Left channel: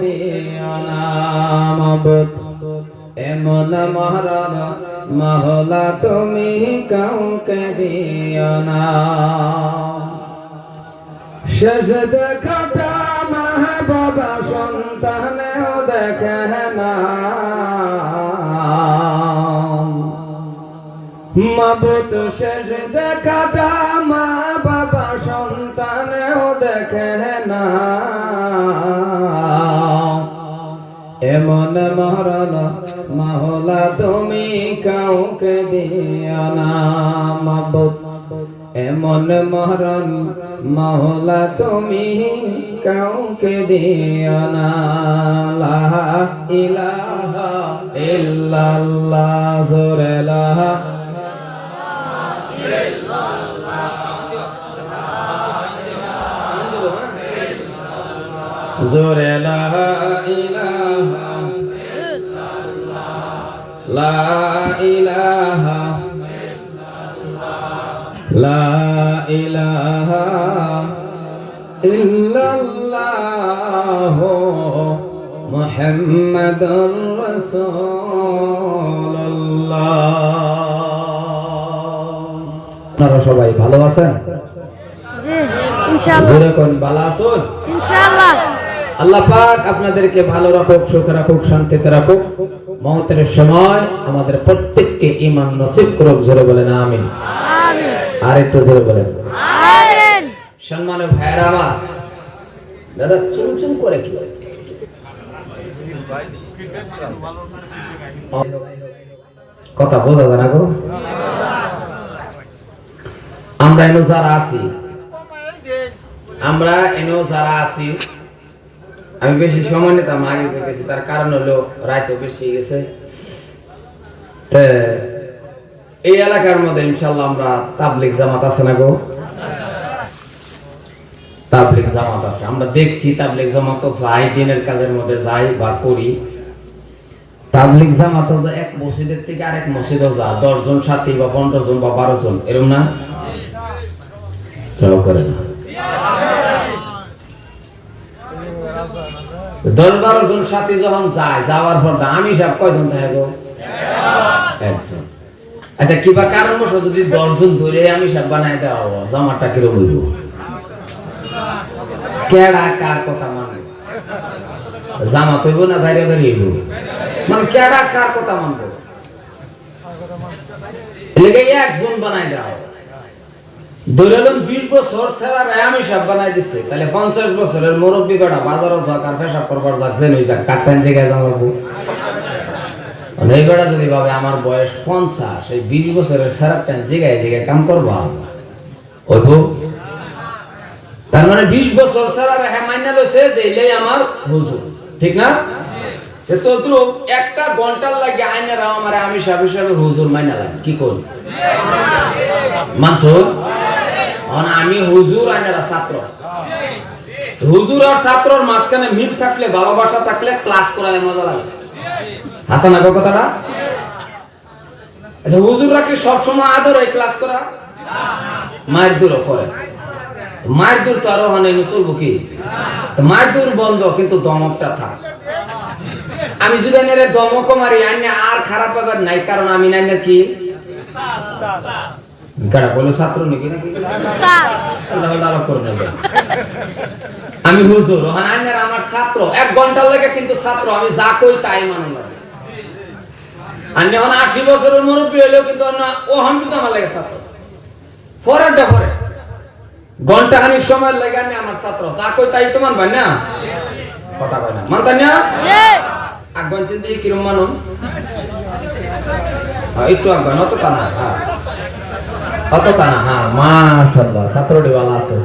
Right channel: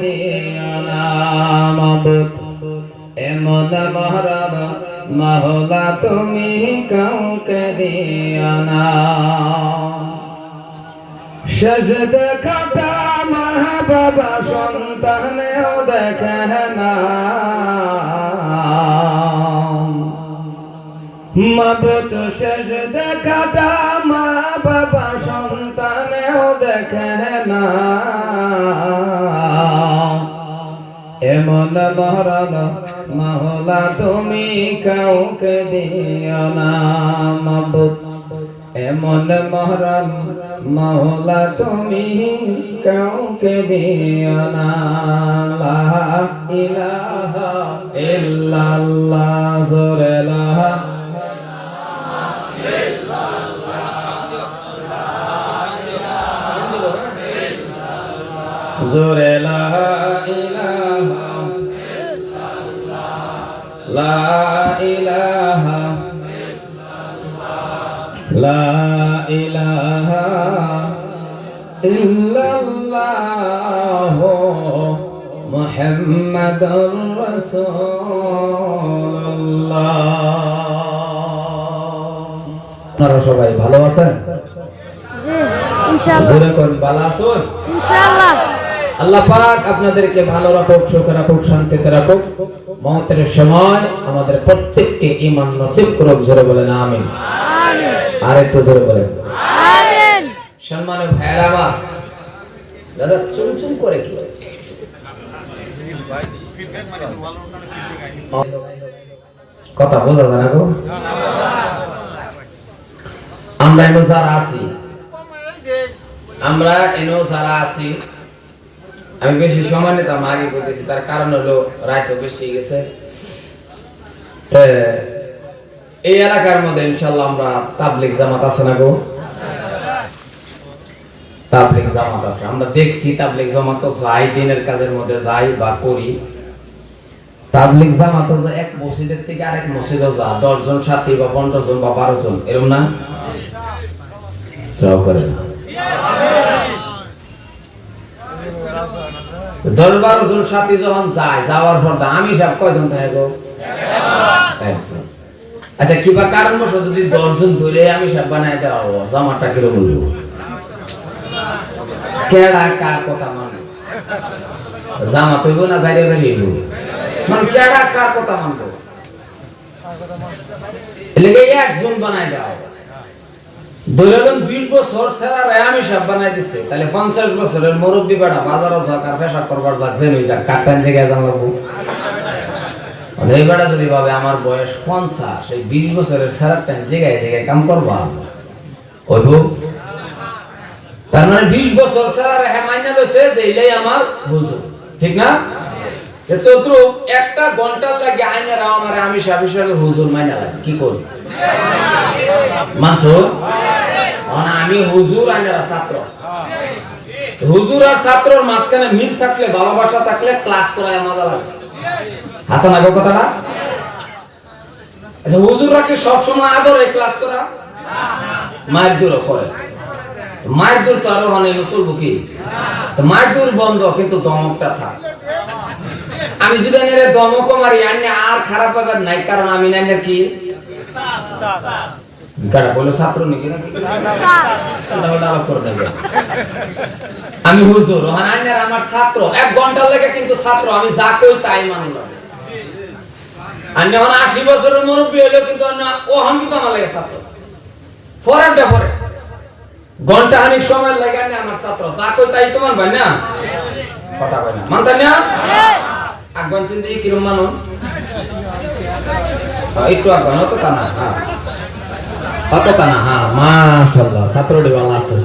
দিও না মাবুদ এমন মহরম মহলা তুমি কাউকে দিও না শেষ দেখাটা মা বাবা সন্তানেও দেখে না মাবুত শেষ দেখাটা মা বাবা সন্তানেও দেখে না। এমন মরণ মহলা তুমি কাউকে দিও না এমন মহরম মহলা তুমি কাউকে দিও না, লা ইলাহা ইল্লাল্লাহ, জোরে লা জোরে লা ইল্লাল্লাহ মুহাম্মাদুর রাসূলুল্লাহ। আপনারা সবাই ভালো আছেন? জি ইনশাআল্লাহ। জোরে কোন ভালো আছেন? ইনশাআল্লাহ। আল্লাহ পাক আপনাদেরকে ভালো রাখুক সুখে রাখুক শান্তিতে রাখুক। মহতের সময় আমাদের প্রত্যেককে ইমান নসিব করুক জোরে বলেন আমিন। আমিন। আর একটু জোরে বলেন। আমিন ভাইয়ের আমার দাদা করে কি? কথা যায় না গো। আমরা এনো যারা আছি, আমরা এনো যারা আছি, আমি বেশি সময় নিতাম আগে করতেছি তার কারণ হলো রায়তো বেশি গেছে। এই এলাকার মধ্যে ইনশাল্লাহ আমরা তাবলিক জামাত আছে না গো। তাবলিক জামাত আছে। আমরা দেখছি তাবলিক জামাত যাই, দিনের কাজের মধ্যে যাই বা করি। তাবলিক জামাত এক মসজিদের থেকে আরেক মসজিদে যা দশ জন সাথী বা পনেরো জন বা বারো জন এরকম না? করে দশ বারো জন সাথী যখন যায়, যাওয়ার পর আমি সব কয়জন একজন। আচ্ছা কিবা কারণবশ যদি দশজন ধরে আমি সব বানায় দেওয়া জামাটা কীরকম হইব? কেডা কার কথা মানে জামা তৈব না বাইরে বাইরে মানে কেডা কার কথা মানবো? একজন হবে। ধরে নিলাম বিশ বছর বানাই দিছে, তাহলে পঞ্চাশ বছরের মুরব্বী বাজারে যাক আর পেশাব করবার যাক জেনে যাক জায়গায় জানাব মানে এই বেড়া যদি ভাবে আমার বয়স পঞ্চাশ, এই বিশ বছরের সেরা টাইম জায়গায় জায়গায় কাম করবা। হইব তার মানে বিশ বছর সেরা রেখা মাইনা লইছে যে এলেই আমার হুজুর। ঠিক না? একটা ঘণ্টার লাগে আইনের আমার আমি হুজুর মাইনা লাগে। কি করি মানছো? মানে আমি হুজুর আইনের ছাত্র। হুজুর আর ছাত্রর মাঝখানে মিল থাকলে ভালোবাসা থাকলে ক্লাস করায় মজা লাগে। হাসান আগো কথাটা? আচ্ছা হুজুররা কি সবসময় আদর ক্লাস করা? মায়ের দূর করে। মায়ের দূর তো আরও মানে চলবো কি মায়ের দূর বন্ধ, কিন্তু দমকটা থাক। আমি যদি আইনের দমক মারি আইনে আর খারাপ ব্যাপার নাই, কারণ আমি নাই কি? নাকি আমার ছাত্র। এক কিন্তু ছাত্র, আমি তাই কিন্তু ছাত্র। পরেরটা পরে। ঘণ্টা খানিক সময় লাগে আমি আমার ছাত্র। যা কই তাই তো মানবেন না? কথা বলে মানতেন না জি আগন চিন্তা কিরম মানো একটু আগন অত তা না হ্যাঁ। অত তা না হ্যাঁ। মাশাআল্লাহ ছাত্র ভালো আছে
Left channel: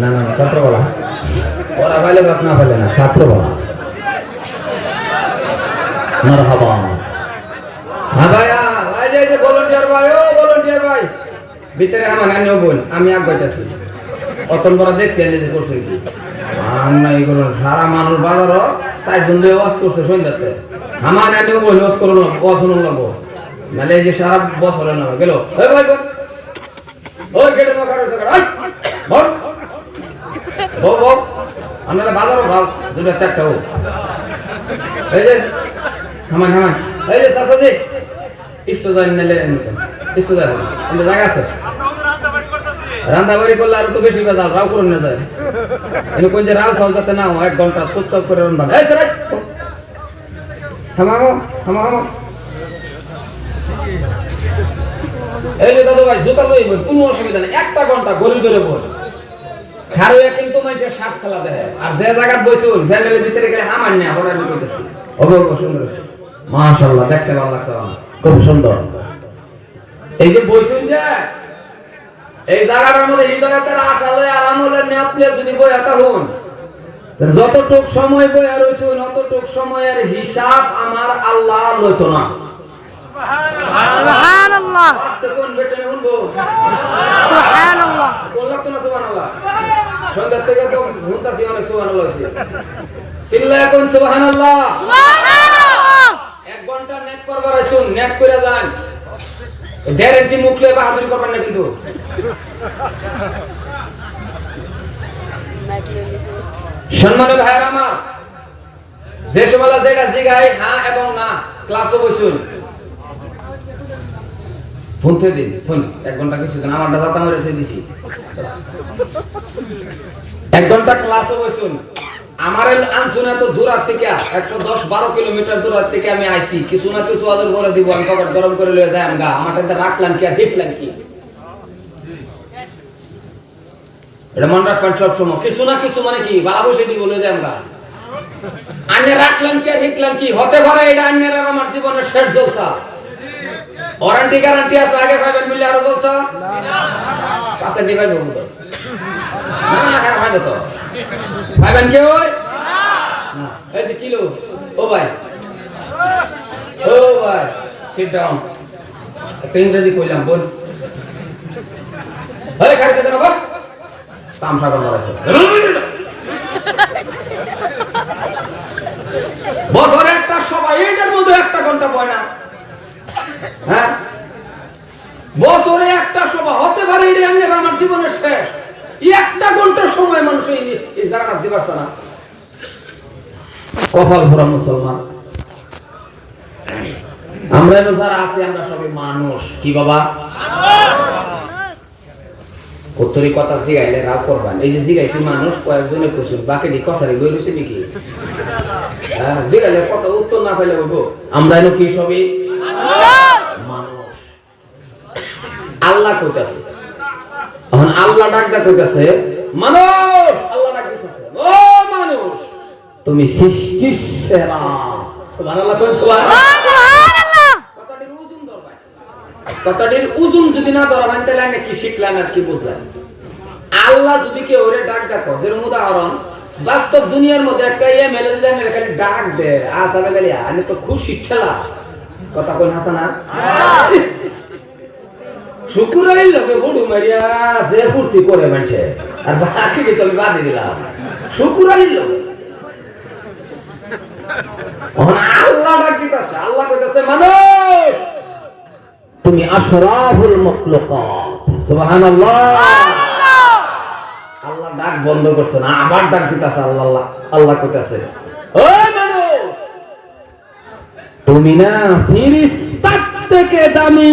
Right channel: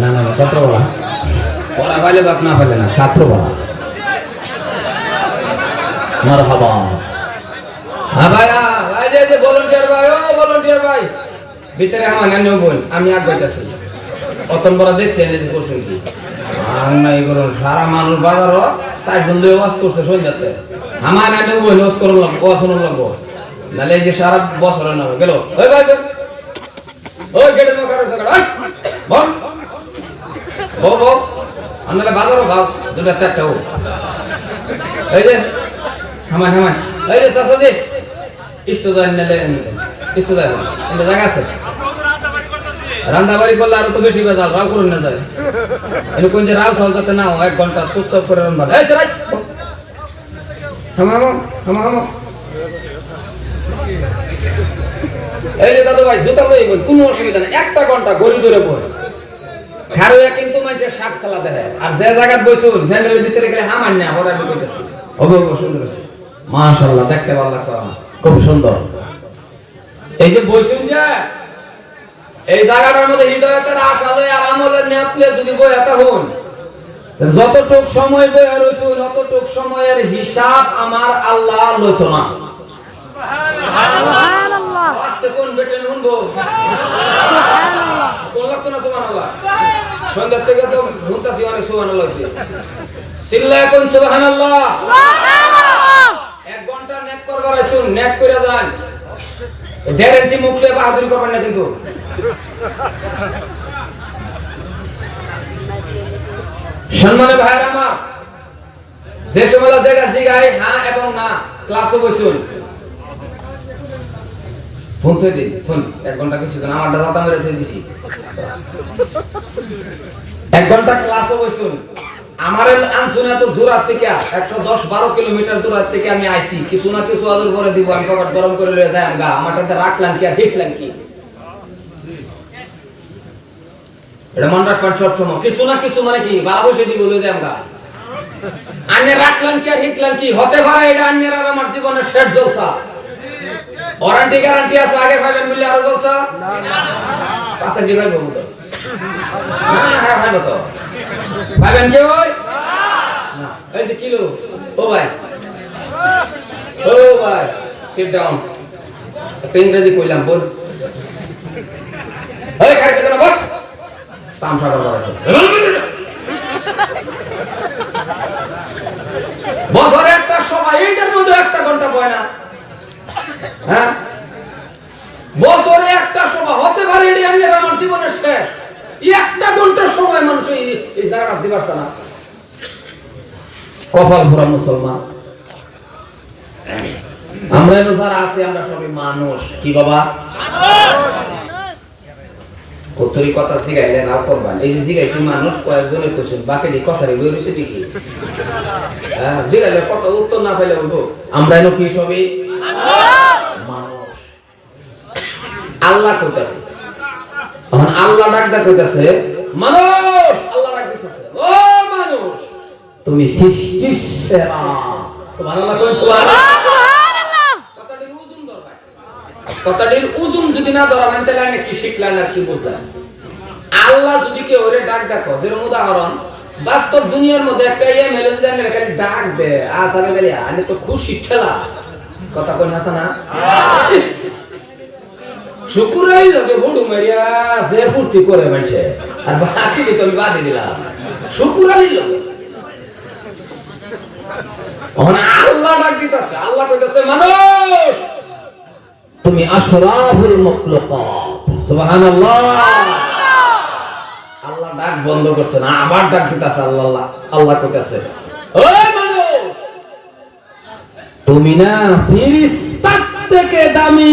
না না ছাত্র বলা। পড়া পাইলে বাপ না পাইলে না ছাত্র বলা। মারহাবা। হ্যাঁ ভাইয়া ভাই যে যে ভলান্টিয়ার ভাই ও ভলান্টিয়ার ভাই। ভিতরে আমার নানিও বোন আমি আগ যাইতেছি। অতন আমি সারা মানুষ বাজার চার জন দিয়ে ওয়াজ করছে আমার নানিও বোন ওয়াজ আপনারা বাজারও খাও দুটা চারটা ও এই যে হামান হামান এই যে যায় জায়গা আছে? রান্না বাড়ি করলে আরও তো বেশি বেজাল, রাও করে না যায়। এনে কোন যে রাও সলতাতে না এক ঘণ্টা চুপচাপ করে রান্না এই থামাও থামাও এই যে দাদা ভাই জুতা কোনো অসুবিধা নেই। একটা ঘণ্টা গড়ি ধরে খারুয়া কিন্তু সাপ খেলা দেয় আর যে বইছুন, ফ্যামিলির ভিতরে গেলে হামার নেই আবার আমি কইতেছি অবশ্য সুন্দর দেখতে ভালো লাগছে খুব সুন্দর। এই যে বইছুন যে এই জায়গাটার মধ্যে হৃদয়তের আশা লয় আর আমলের নিয়ত নিয়ে যদি বই এত হন যতটুক সময় বই রয়েছুন অতটুক সময়ের হিসাব আমার আল্লাহ লইতো না। সুবহানাল্লাহ। আস্তে কোন সুবহানাল্লাহ। কোন লাগতো না সুবহানাল্লাহ? সন্ধ্যার থেকে তো ঘুমতাছি অনেক সুবহানাল্লাহ হইছে সিল্লা কোন সুবহানাল্লাহ। সুবহানাল্লাহ। এক ঘণ্টা নেক করবার আইছুন নেক করে যান। দেড় মুখ লিয়ে বাহাদুরি করবেন না কিন্তু। সম্মানে ভাইয়ের আমার, যে সময় যেটা জিগাই হ্যাঁ এবং না, ক্লাসও বসুন। ফোন থেকে দিন ফোন, এক ঘণ্টা কিছু কেন আমার দাদা আমি রেখে দিছি। এক ঘণ্টা ক্লাসও বসুন। আমার আনছুন এত দূরার থেকে একশো দশ বারো কিলোমিটার দূরার থেকে আমি আইছি। কিছু না কিছু আদর করে দিব আমি কবার গরম করে লয়ে যাই আমগা। আমার রাখলাম কি আর হিটলাম কি এটা মন রাখবেন সব সময় কিছু না কিছু মানে কি? বালা বসে দিব লয়ে যাই আমগা। আন্যের রাখলাম কি আর হিটলাম কি হতে পারে এটা আন্যের আর আমার জীবনের শেষ জলসা। ওয়ারেন্টি গ্যারান্টি আছে আগে পাবেন বললে আরও জলসা? পাশে ডিভাইড হব তো। না, না, না, তো। পাবেন না, এই কিলো। ও ভাই। ও ভাই সিট ডাউন একটা ইংরেজি কইলাম বল। এই কেন বল? বছরে একটা সবাই এইটার মধ্যে একটা ঘণ্টা বয় না। হ্যাঁ? বছরে একটা সভা হতে পারে এটি আমার জীবনের শেষ। একটা ঘণ্টার সময় মানুষ এই জায়গাটা পারছে না। কপাল ভরা মুসলমান। আমরা যারা আছি, আমরা মানুষ। কি বাবা? কথা রাও করবেন এই যে মানুষ, কয়েকজনে কইছেন বাকি কথারে বই রয়েছে নাকি হ্যাঁ জিগাইলে উত্তর না পাইলে বলব। আমরা কি সবই? আল্লাহ কইতাছে আল্লাহ ডাক মানুষ! আল্লাহ ডাক দিতেছে ও মানুষ! তুমি সৃষ্টির সেরা সুবহানাল্লাহ কোন সুবহানাল্লাহ। কথাটির ওজন ধরবেন কথাটির ওজন যদি না ধরাবেন তাহলে কি শিখলেন আর কি বুঝলেন আল্লাহ যদি কেউ ওরে ডাক ডাকো যেরকম উদাহরণ বাস্তব দুনিয়ার মধ্যে একটা ইয়ে মেলে যদি আমি খালি ডাক দে আসামে গেলে আমি তো খুশি ঠেলা। কথা কই হাসানা? শুকুরাই লোকে হুডু মারিয়া যে ফুর্তি করে মানছে আর বাকি তো আমি বাদে দিলাম। শুকুরাই লোক। আল্লাহ ডাক দিতেছে আল্লাহ কইতেছে, মানুষ, তুমি আশরাফুল মাখলুকাত। সুবহানাল্লাহ। আল্লাহ ডাক বন্ধ করছে না, আবার ডাক দিতেছে আল্লাহ আল্লাহ আল্লাহ কইতেছে, ওই মানুষ, তুমি না ফিরিস্তা থেকে দামি।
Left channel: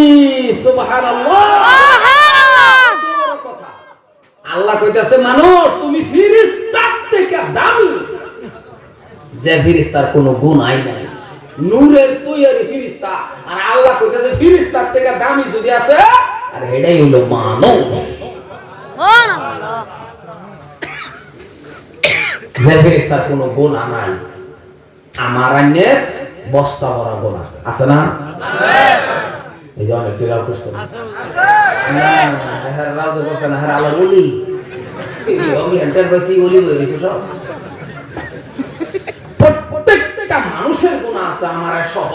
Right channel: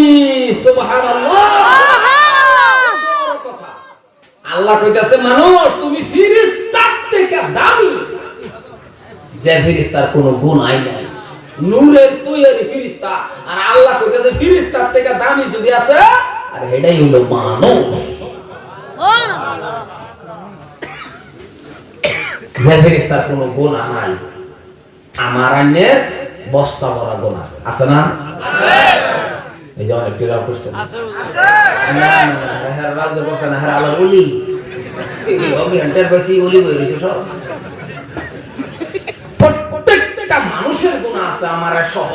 আল্লাহ কইতাছে, মানুষ, তুমি ফিরিস্তার থেকে দামি। যে ফিরিস্তার কোনো গুণ আই নাই। নূরের তৈরি ফিরিস্তা। আর আল্লাহ কইতাছে, ফিরিস্তার থেকে দামি যদি আছে, আর এটাই হলো মানুষ। যে ফিরিস্তার কোনো গুণ নাই। আমার আইনের বস্তা ভরা গুণ আছে। না? এই যে অনেক করছে হ্যাঁ রাজু করছে না হ্যাঁ আল্লাহ উলি আমি হেন্টার বেশি উলি বই রয়েছে সব। প্রত্যেকটা মানুষের গুণ আছে আমার সহ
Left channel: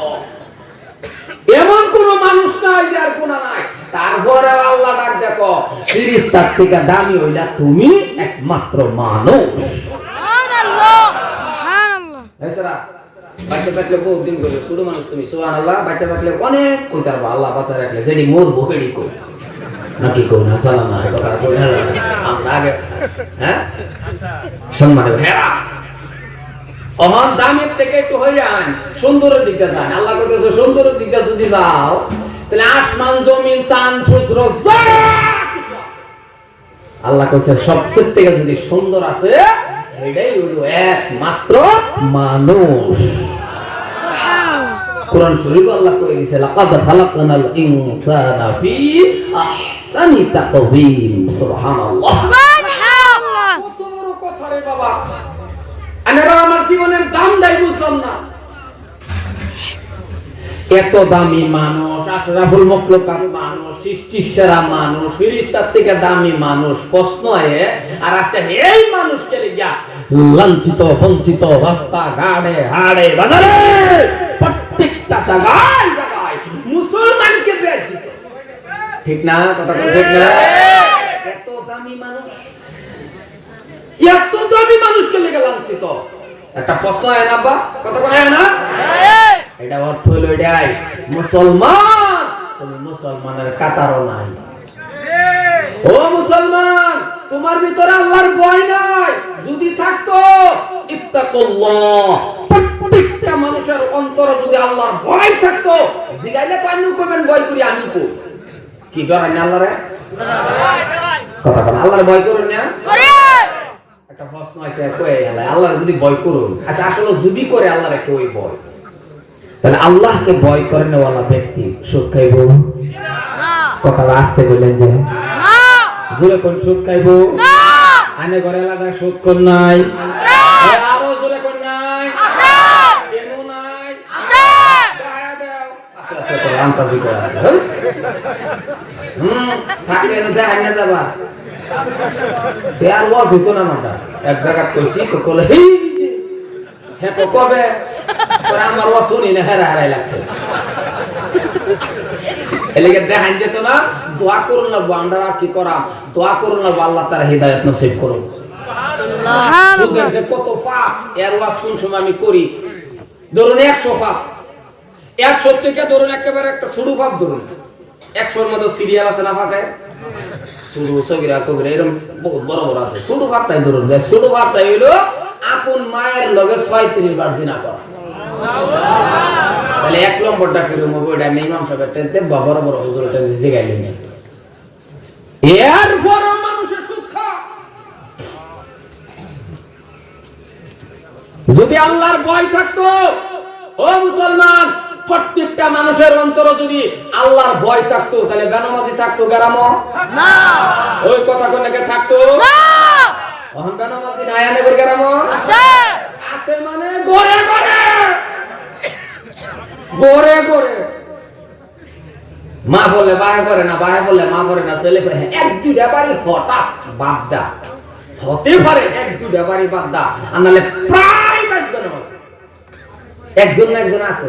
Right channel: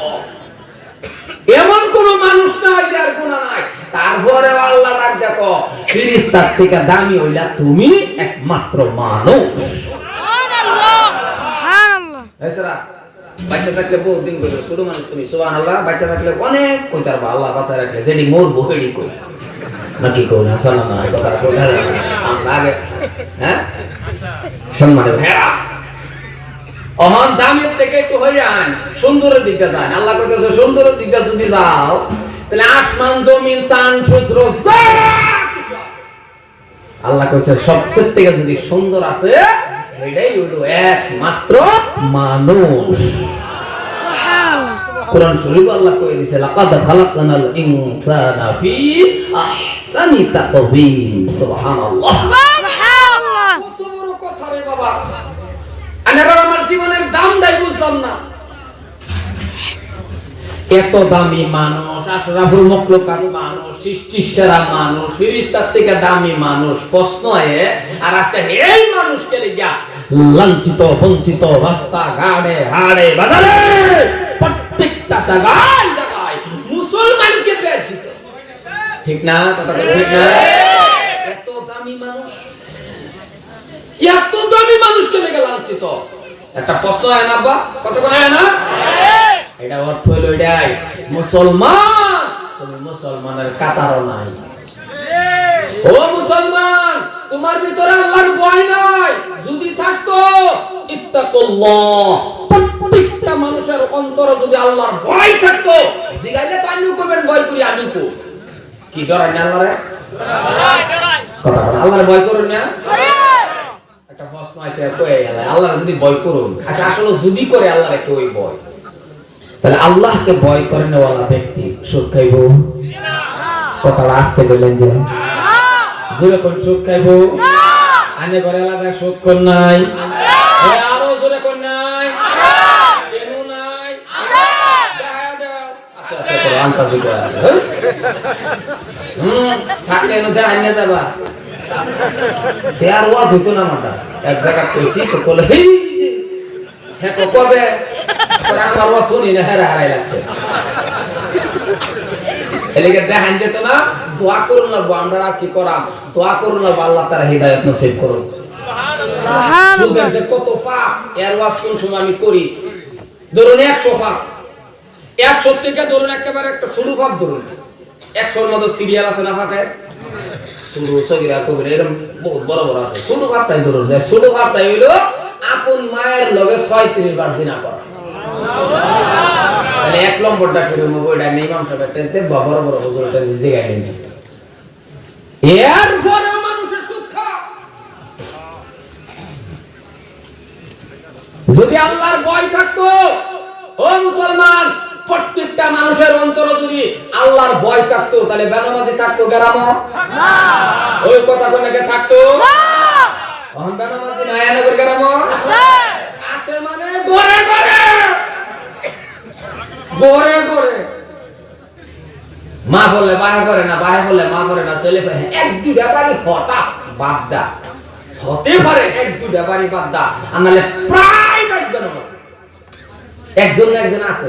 এমন কোন মানুষ নাই যার গুণ নাই। তারপরে আল্লাহ ডাক দেখো ফিরিস্তার থেকে দামি হইলা তুমি একমাত্র মানুষ। বাচ্চা থাকলে বহুত দিন করবে ছোট মানুষ তুমি সুবান আল্লাহ বাচ্চা থাকলে অনেক কইতে পারব, আল্লাহ বাচ্চা রাখলে, যেটি মোর বহেড়ি কই। নাকি কই না সালা না কথা কই না আমরা আগে হ্যাঁ? অমান দামের থেকে একটু হয়ে যান সুন্দরের দিকে যান। আল্লাহ কইতেছে, সুন্দরের দিকে যদি যাও, তাহলে আসমান, জমিন চান সূত্র। আল্লাহ কইছে, সবচেয়ে থেকে যদি সুন্দর আছে এটাই হলো একমাত্র মানুষ। কোরআন শরীফ আল্লাহ কয়ে দিছে লাকাদ খালাকনাল ইনসানা ফি আহসানি তাকওয়িম। সুবহানাল্লাহ। সুবহানাল্লাহ। কত বড় কথা রে বাবা। আমি আমার জীবনের দাম দাই বুঝলাম না। এত দামি মানুষ আশরাফুল মখলুকাত মানুষ সৃষ্টির সেরা মানুষ ফিরিস্তার থেকে দামি মানুষ প্রশ্ন আয়ে আর আজকে এই মানুষ চলে যা। লাঞ্ছিত, বঞ্চিত, রাস্তা, ঘাড়ে, হাড়ে বাজারে প্রত্যেকটা জায়গায় জায়গায় মুসলমানকে বেজ্জিত ঠিক না? কথা ঠিক না? এত দামি মানুষ। এত দামি মানুষকে লেগে লাঞ্ছিত। একটা প্রশ্ন আয় না, আব্বা? কত করে আয় না? এটা অর্থ হইল এটাই, মুসলমান, তুমি মুসলমানের কাতারও নাই। ও মুসলমান, তোমার ভিতরে আল্লাহর ভয় নাই যদি থাকতো ইত্তাকুল্লাহ প্রত্যেকটা মানুষের অন্তরে যদি আল্লাহর ভয় থাকতো, জিগাইলে তো আমিও কবেন ভয় করি আমি কো কি ডরাই না আল্লাহরে? আল্লাহর ভয় করুন না একটা প্রশ্ন আছে, কয়ে গেল, আল্লাহর যদি ভয় করুন আচ্ছা আসলে যদি করে আল্লাহর একটা ওই ভয়? তাহলে আল্লাহকে ভয় করে নেওয়ালা ব্যক্তি? সুখ খাইব কথাটা আসতে বললেন যে জোরে কোন সুখ আনে ঘরে আলাদা সুখ নাই এ, আরও জোরে কোন নাই কেন নাই দেখা দাও। করে করে আছে, হ্যাঁ? হুম, থাকলে এনে যা, যাবা। তে আর ওয়াজ না মাটা। এক জায়গা কইছি, তো কলে, হেই, তো কবে? পরে আমার ওয়াজ শুনি না, হেরা হেরাই লাগছে। এলিগে দেখান যেত না, দোয়া করুন না, আমরা আর কি করাম? দোয়া করুন না, আল্লাহ তারা হৃদায়ত নসিব করুন। সুবহানাল্লাহ কত পাপ এর ওয়াজ কোন সময় আমি করি ধরুন একশো পাপ একশো থেকে ধরুন একেবারে একটা শুরু পাপ ধরুন একশোর মতো সিরিয়াল আছে না এরকম বহুত বড় বড় আছে। ধরুন হইল আপন মায়ের লগে ছয়ত্রিশ বার জিনা করা। তাহলে এক নম্বরটা কিরম ওইটা নেই টেনতে বড় বড় হুজুরটা নিজে গাইলেন মানুষের যদি আল্লাহর ভয় থাকতো, ও মুসলমান প্রত্যেকটা মানুষের অন্তর যদি আল্লাহর ভয় থাকতো তাহলে বেনামাজি থাকতো গ্রাম ওই কথা কোনকে থাকতো? তখন বেনামাজি নাই আনবের গ্রাম আছে। মানে মা বলে বাহে করে না বাহে বলে মা করে না ছেলে এক দুই ব্যাপারই হঠাৎ বাদ দা হতে পারে এক দুই ব্যাপারই দা আর নাহলে প্রায় একজন একজন আছে।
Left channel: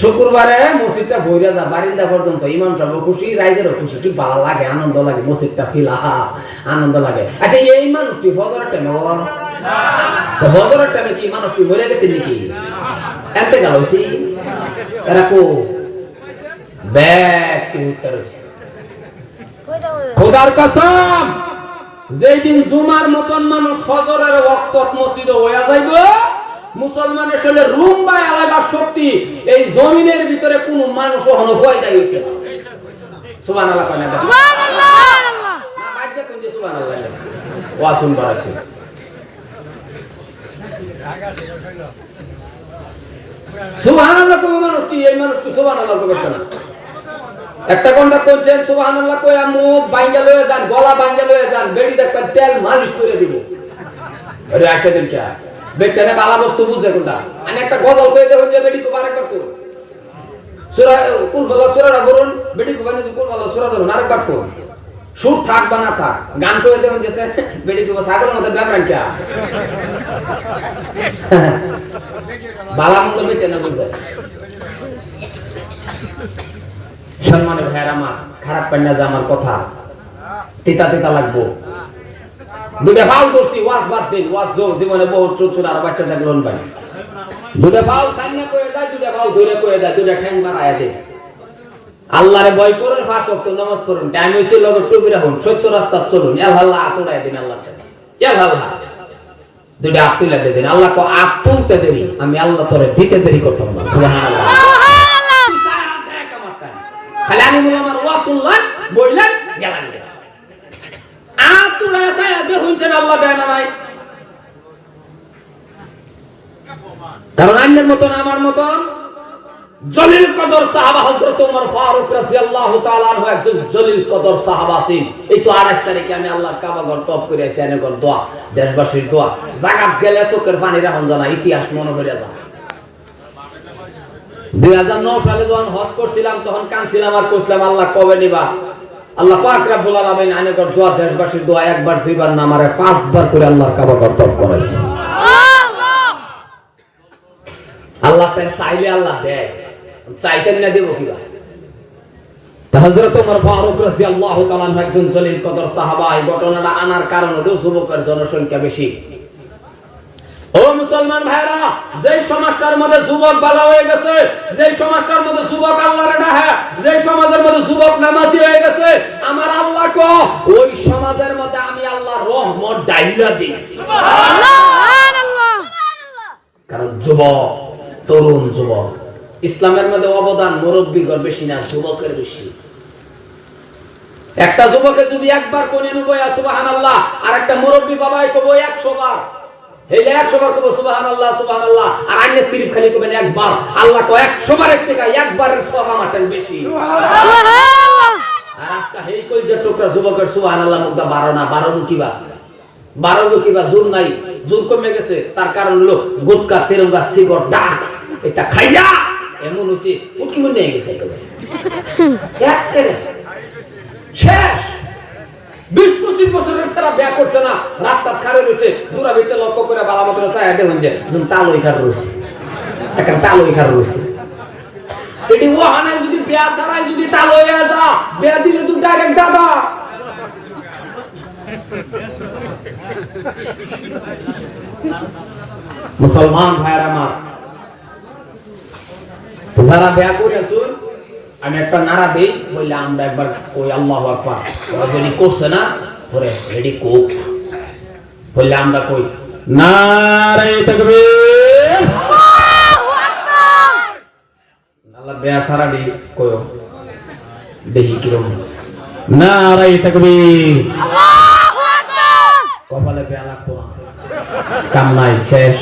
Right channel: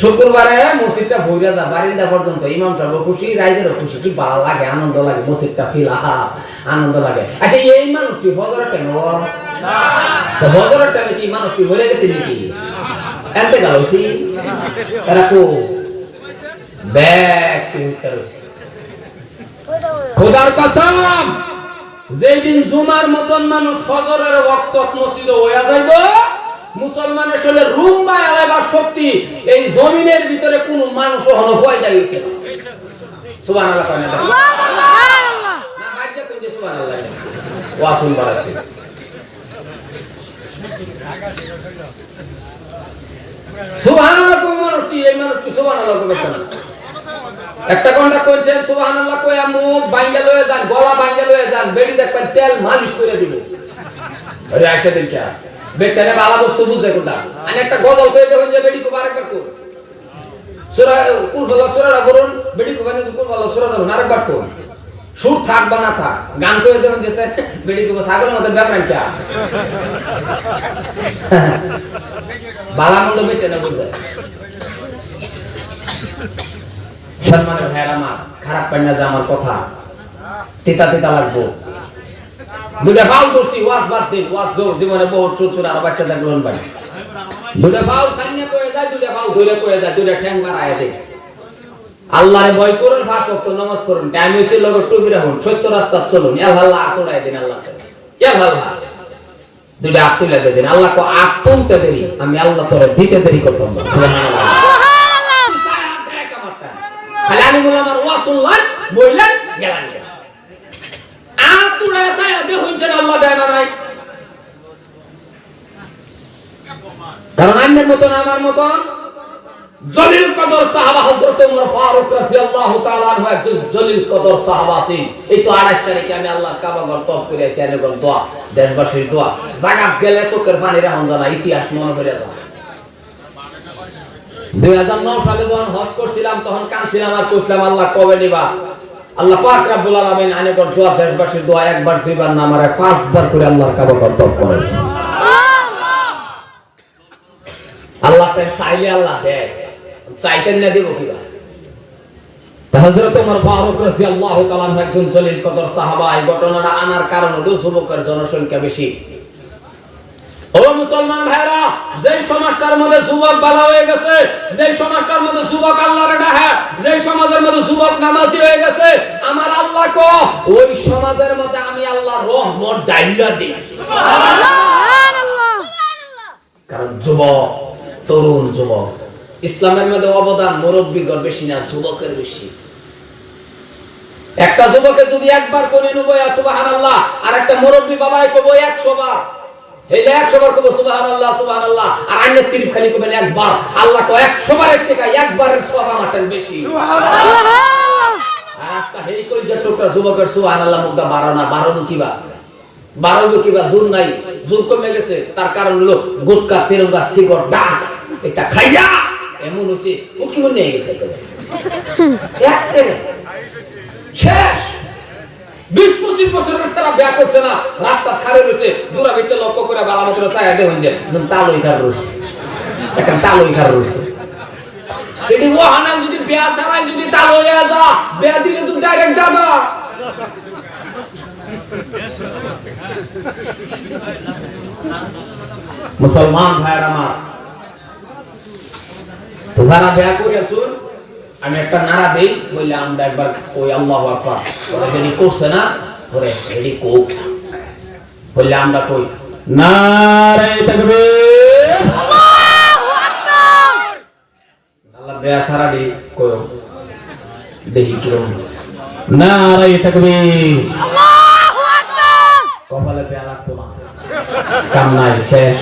শুক্রবারে মসজিদটা ভৈরা যা যা পর্যন্ত, ইমাম সাহেব খুশি, রাইজেরও খুশি, কি ভালো লাগে, আনন্দ লাগে, মসজিদটা ফিলা আনন্দ লাগে। আচ্ছা এই মানুষটি ফজরের টাইমে ফজরের টাইমে কি মানুষটি মরে গেছে নাকি? এতে গেল এরা কো? ব্যাগ কি হইতে রয়েছে। খোদার কসম, যেই জুমার মতন মানুষ ফজরের ওয়াক্ত মসজিদে হইয়া যাইব মুসলমানের শরীরে রুম বা এলাকার শক্তি এই জমিনের ভিতরে কোন মানুষ হন হয়ে যাইছে মানুষটি এই মানুষটি না একটা কইছেন সুবহানাল্লাহ কই মুখ বাইঙ্গা লয়ে যান গলা বাইঙ্গা লয়ে যান বেড়ি দেখবেন তেল মালিশ করে দিব। আরে আইসা দিন কে? বেটারে বালা বস্তু বুঝে কোনটা? আমি একটা গজল কই দেখুন যে বেড়ি কো আরেকবার কর সূরা, কুল বলা সূরাটা বলুন? বেড়ি কো বানি কুল বলা সূরা যাবেন আরেকবার কর সুর থাক বা না থাক, গান কই দেখুন যে বেড়ি কো সাগরের মধ্যে ব্যাপার কে? বালা মন্দ বেটে না বুঝে? সম্মানের ভাইয়ের আমার, খারাপ পাই না যে আমার কথা। তিতা তিতা লাগবো। দুটা ভাও করছি ওয়াজ বাদ দিন, ওয়াজ জীবনে বহুত আর বাচ্চা দুটা সামনে কয়ে যায়, দুটা ধরে কয়ে যায়, দুটা ঠ্যাং আল্লাহরে ভয় করুন টাইম লগে টুপি রাখুন, সত্য রাস্তা চলুন, ইয়া আল্লাহ আতড়ায় দিন আল্লাহ ইয়া আল্লাহ। দুইটা আত তুলে আল্লাহ তো আত দেরি, আমি আল্লাহ তোরে দিতে দেরি করতাম খালি আমি বলে আমার ওয়া শুনলাম বইলেন গেলেন আতুড়া যায় দেখুন যে আল্লাহ দেয় না নাই আইনের মতন, আমার মতন? জলিল কদর সাহাবা হযরত ওমর ফারুক রাদিয়াল্লাহু তাআলা আনহু একজন জলিল কদর সাহাবা ছিলেন এই তো 28 তারিখে আমি আল্লাহর কাবা ঘর তপ করে আছি এনে গল দোয়া, দেশবাসীর দোয়া। জাগাত গেলে চোখের পানি রাখুন জানা ইতিহাস মনে করে যা দুই হাজার নয় সালে যখন হজ করছিলাম, তখন কাঁদছিলাম আর কইছিলাম, আল্লাহ কবে নিবা? আল্লাহ পাক রাব্বুল আলামিন আনে কর দোয়া, দেশবাসীর দোয়া একবার, দুইবার না, আমারে পাঁচবার করে আল্লাহর কাবা ঘর তপ করেছে। আল্লাহ চাইলে আল্লাহ দেয়। চাইতেন না দেব কিবা হযরত ওমর ফারুক রাদিয়াল্লাহু তাআলা একজন জলিল কদর সাহাবা এই ঘটনাটা আনার কারণ হলো যুবকের জনসংখ্যা বেশি। ও মুসলমান ভাইরা যেই সমাজটার মধ্যে যুবক ভালো হয়ে গেছে যেই সমাজটার মধ্যে যুবক আল্লাহর ডাহে যেই সমাজের মধ্যে যুবক নামাজি হয়ে গেছে আমার আল্লাহ কো ওই সমাজের মধ্যে আমি আল্লাহর রহমত ডাইলা দিই। সুবহানাল্লাহ। কারণ যুবক তরুণ যুবক। ইসলামের মধ্যে অবদান মুরব্বীগর বেশি না যুবকের বেশি। একটা যুবকে যদি একবার কোনে নেব সুবাহান আল্লাহ আর একটা মুরব্বী বাবাই কবো একশো বার। এই একশো বার কবো সুবাহান আল্লাহ সুবাহান আল্লাহ আর আইনে সিরিফ খালি কবেন একবার। আল্লাহ কো একশো বারের থেকে একবারের সব আমারটার বেশি। আর আজকে হেই কই যে টোকরা যুবকের সুবাহান আল্লাহ মুখটা বারো না বারো কিবা? বারো বিয়া করছে না রাস্তা খারে রয়েছে, দূরা ভিতরে লক্ষ্য করে বালা মতো চায় দেখুন রয়েছে। এখন তালই রয়েছে। যদি ও যদি বিয়া যা বিয়া দিলে তুই ডাইরেক্ট মুসলমান ভাইয়ের আমার তো যারা বিয়া করেছুন আমি একটা নাড়া দিই বললে আমরা একবার ওই আল্লাহ আকবার। ওরা যদি করছে না ওরে রেডি কোক। বললে আমরা কই নারে তাকবীর। আল্লাহু আকবার! আল্লাহ বেয়া সারা দি কয়ো। দেখি কীরকম। নারে তাকবীর। আল্লাহু আকবার কপালে বেয়া লাগতো না কাম নাই শেষ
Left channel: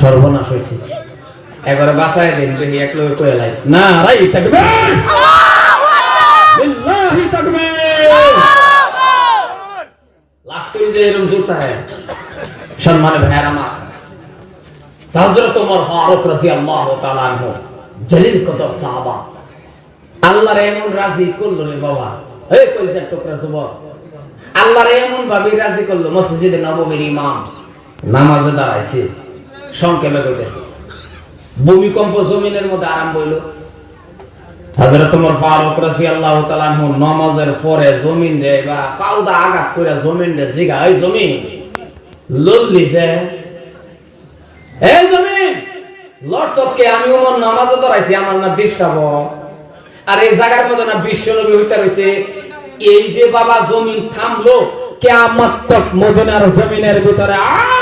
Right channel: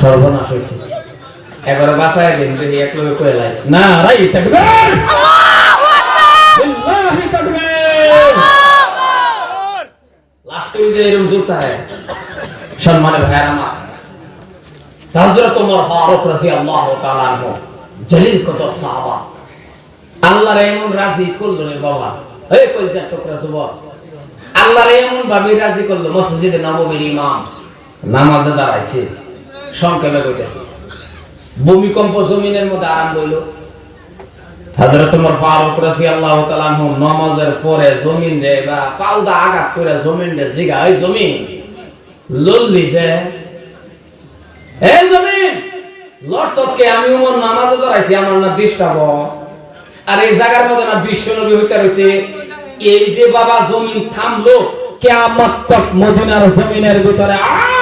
সর্বনাশ হয়েছে। এবারে বাসায় দিন দেখি এক লোক কয়ে লাই। না রাই হ্যায় সম্মানের ভাইয়ার আমার হযরত ওমর ফারুক রাদিয়াল্লাহু তাআলা আনহু। জলিল কদর সাহাবা। আল্লাহর এমন রাজি করল রে বাবা। এই কলজার টুকরা যুবক। আল্লাহর এমন ভাবে রাজি করল মসজিদে নববীর ইমাম। নামাজে দাঁড়াইছে, সংক্ষেপে কইতেছে। ভূমিকম্প জমিনের মধ্যে আরম্ভ হইল। হযরত ওমর ফারুক নামাজের পরে জমিন রে বা পাউদা আঘাত করে জমিন রে জিগা জমিন লল্লি যে জমিন আমি নামাজে দাঁড়াইছি, আমার না ডিস্টার্ব আর এই জায়গার মধ্যে না বিশ্ব নবী হইতে রইছে। এই যে বাবা জমিন থামলো, কিয়ামত মদিনার জমিনের ভিতরে আর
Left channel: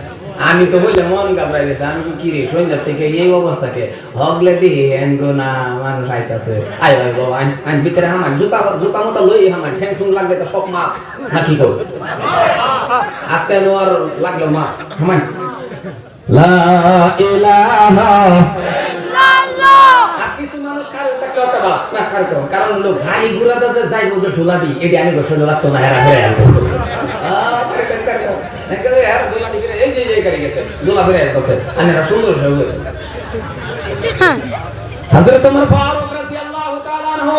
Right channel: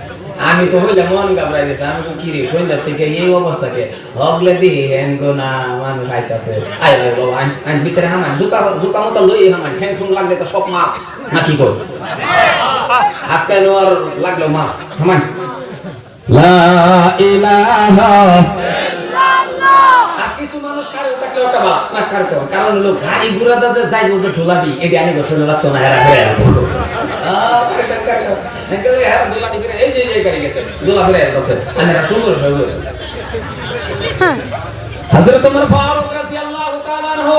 আমি তো হইলে মন ঘাবড়াই গেছে। আমি তো কি রে সন্ধ্যা থেকে এই অবস্থাকে হগলে দিই হেন গো না মানুষ আইতাছে আই আই গো আইন ভিতরে হামান, জুতা জুতা মতো লই হামান, ঠ্যাং ঠুং লাগলে তো সব মাপ। না, কি কর আজকে নোর লাগল মা হামান। লা ইলাহা কারও কারও কারণ লোক গাড়ি ঘোড়া দাদা যাইবো যে ঢোলাটি এটি আমি গোসল লাগতো না এরা হয়ে সুন্দর সুন্দর হ্যাঁ। হযরত ওমর ফারুক রাদিয়াল্লাহু তাআলা আনহু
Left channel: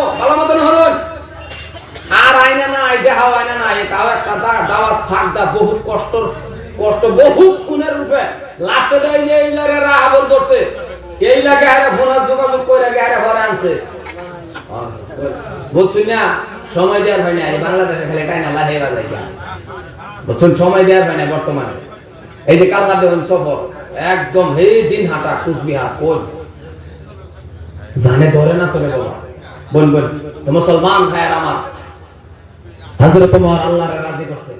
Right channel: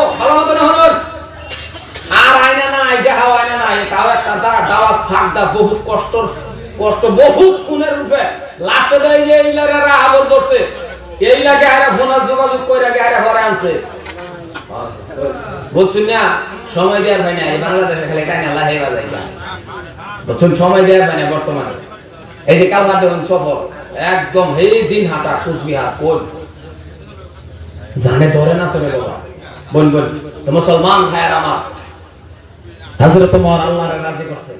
আর আয়না না আইডা আয়না না এটাও একটা দাওয়াত ফাঁকদা বহুত কষ্টর কষ্ট বহুত খুনের রূপে। লাস্টে দেয় যে করছে। এই লাগে আরে ফোনে যোগাযোগ আরে ঘরে আনছে। বুঝছেন না সময় দেওয়ার হয় না বাংলাদেশে খালি টাইনা লাহে বাজাই বুঝছেন সময় দেওয়ার হয় না বর্তমানে। এই যে কান্না দেবন সফর একদম হে দিন হাঁটা কুচবিহার কোন জানে ধরে না তোরে বাবা বল বল মুসলমান ভাইয়ের আমার। আল্লাহর রাজি করছে।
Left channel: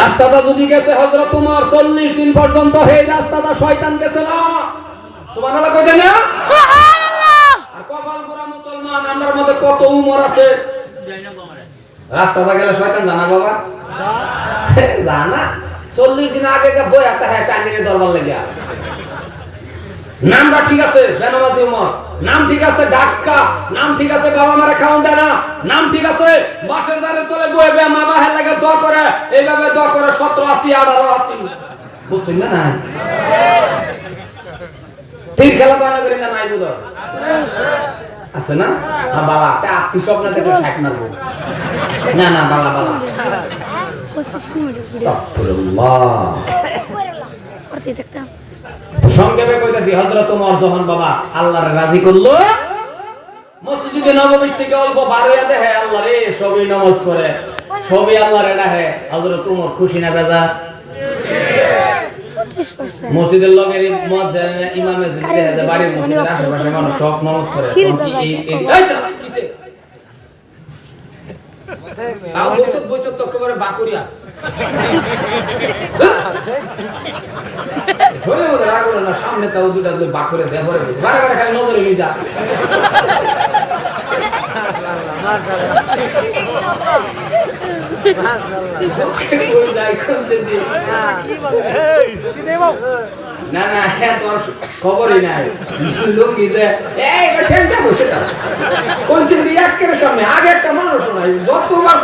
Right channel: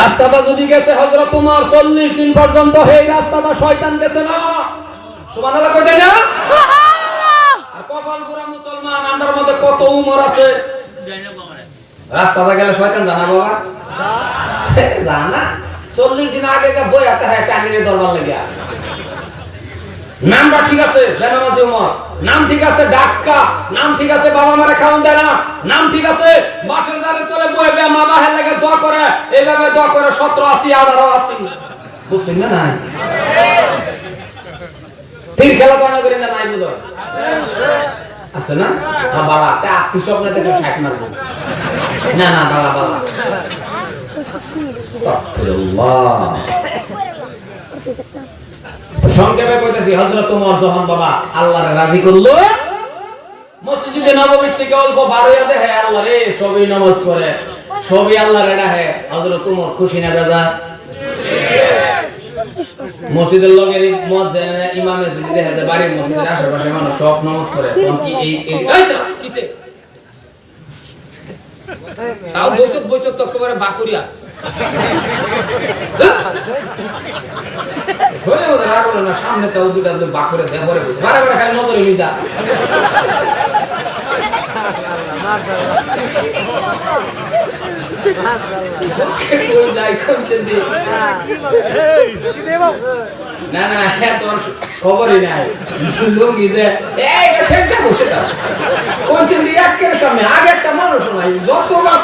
রাস্তাটা যদি গেছে হযরত ওমর 40 দিন পর্যন্ত এই রাস্তাটা শয়তান গেছে না। কইতে পুরা মুসলমান আমরার মধ্যে কত উমর আছে। রাস্তাটা গেলে শয়তান জানা বাবা? জানা? চল্লিশ দিন আগে বই একটা হ্যাঁ টাঙ্গিনে দরবার লেগে নামটা ঠিক আছে, বেনামাজি উমর। নাম ঠিক আছে ডাক্সকা নাম ঠিক আছে, বাবা মারে খাওয়ান দেয় না। নাম ঠিক আছে বাসের জারে তোলে বয়ে বে মা বাহের লাগে দোয়া করে। এইভাবে দোয়া করে সতেরো আশি, আঠারো আশি। বুঝছেন না না খেলা তো যে নাই বোধ আছে না? বাবা আত্মীয় স্বপ্ন থেকে ষাট মারবো। না না, বাবা বাবা। সংক্ষেপে কইতাছি হযরত ওমর যখন বাবা আল্লাহরে রাজি করল। মসজিদে নববী থেকে অল্প বার হইয়া দেখে আল্লাহ রে সবই নামাজ পড়ে সবই আল্লাহরে ডাকে হযরত ওমর খুশি না বেজা মসজিদের লগের মসজিদ ইমামে যদি দেখা যায় বাড়ির মসজিদের আশেপাশে মানুষ সব নামাজ পড়ে। কি এই এই এই কিসে? তাও বৈশত বৈশত তো একেবারে বাকুরিয়া সামনে তাও দুটা দেহরে বসে। বারে বারে খালি নজরে খবরই নাই। কোন সামনে, আগে একটা মানুষ যতবার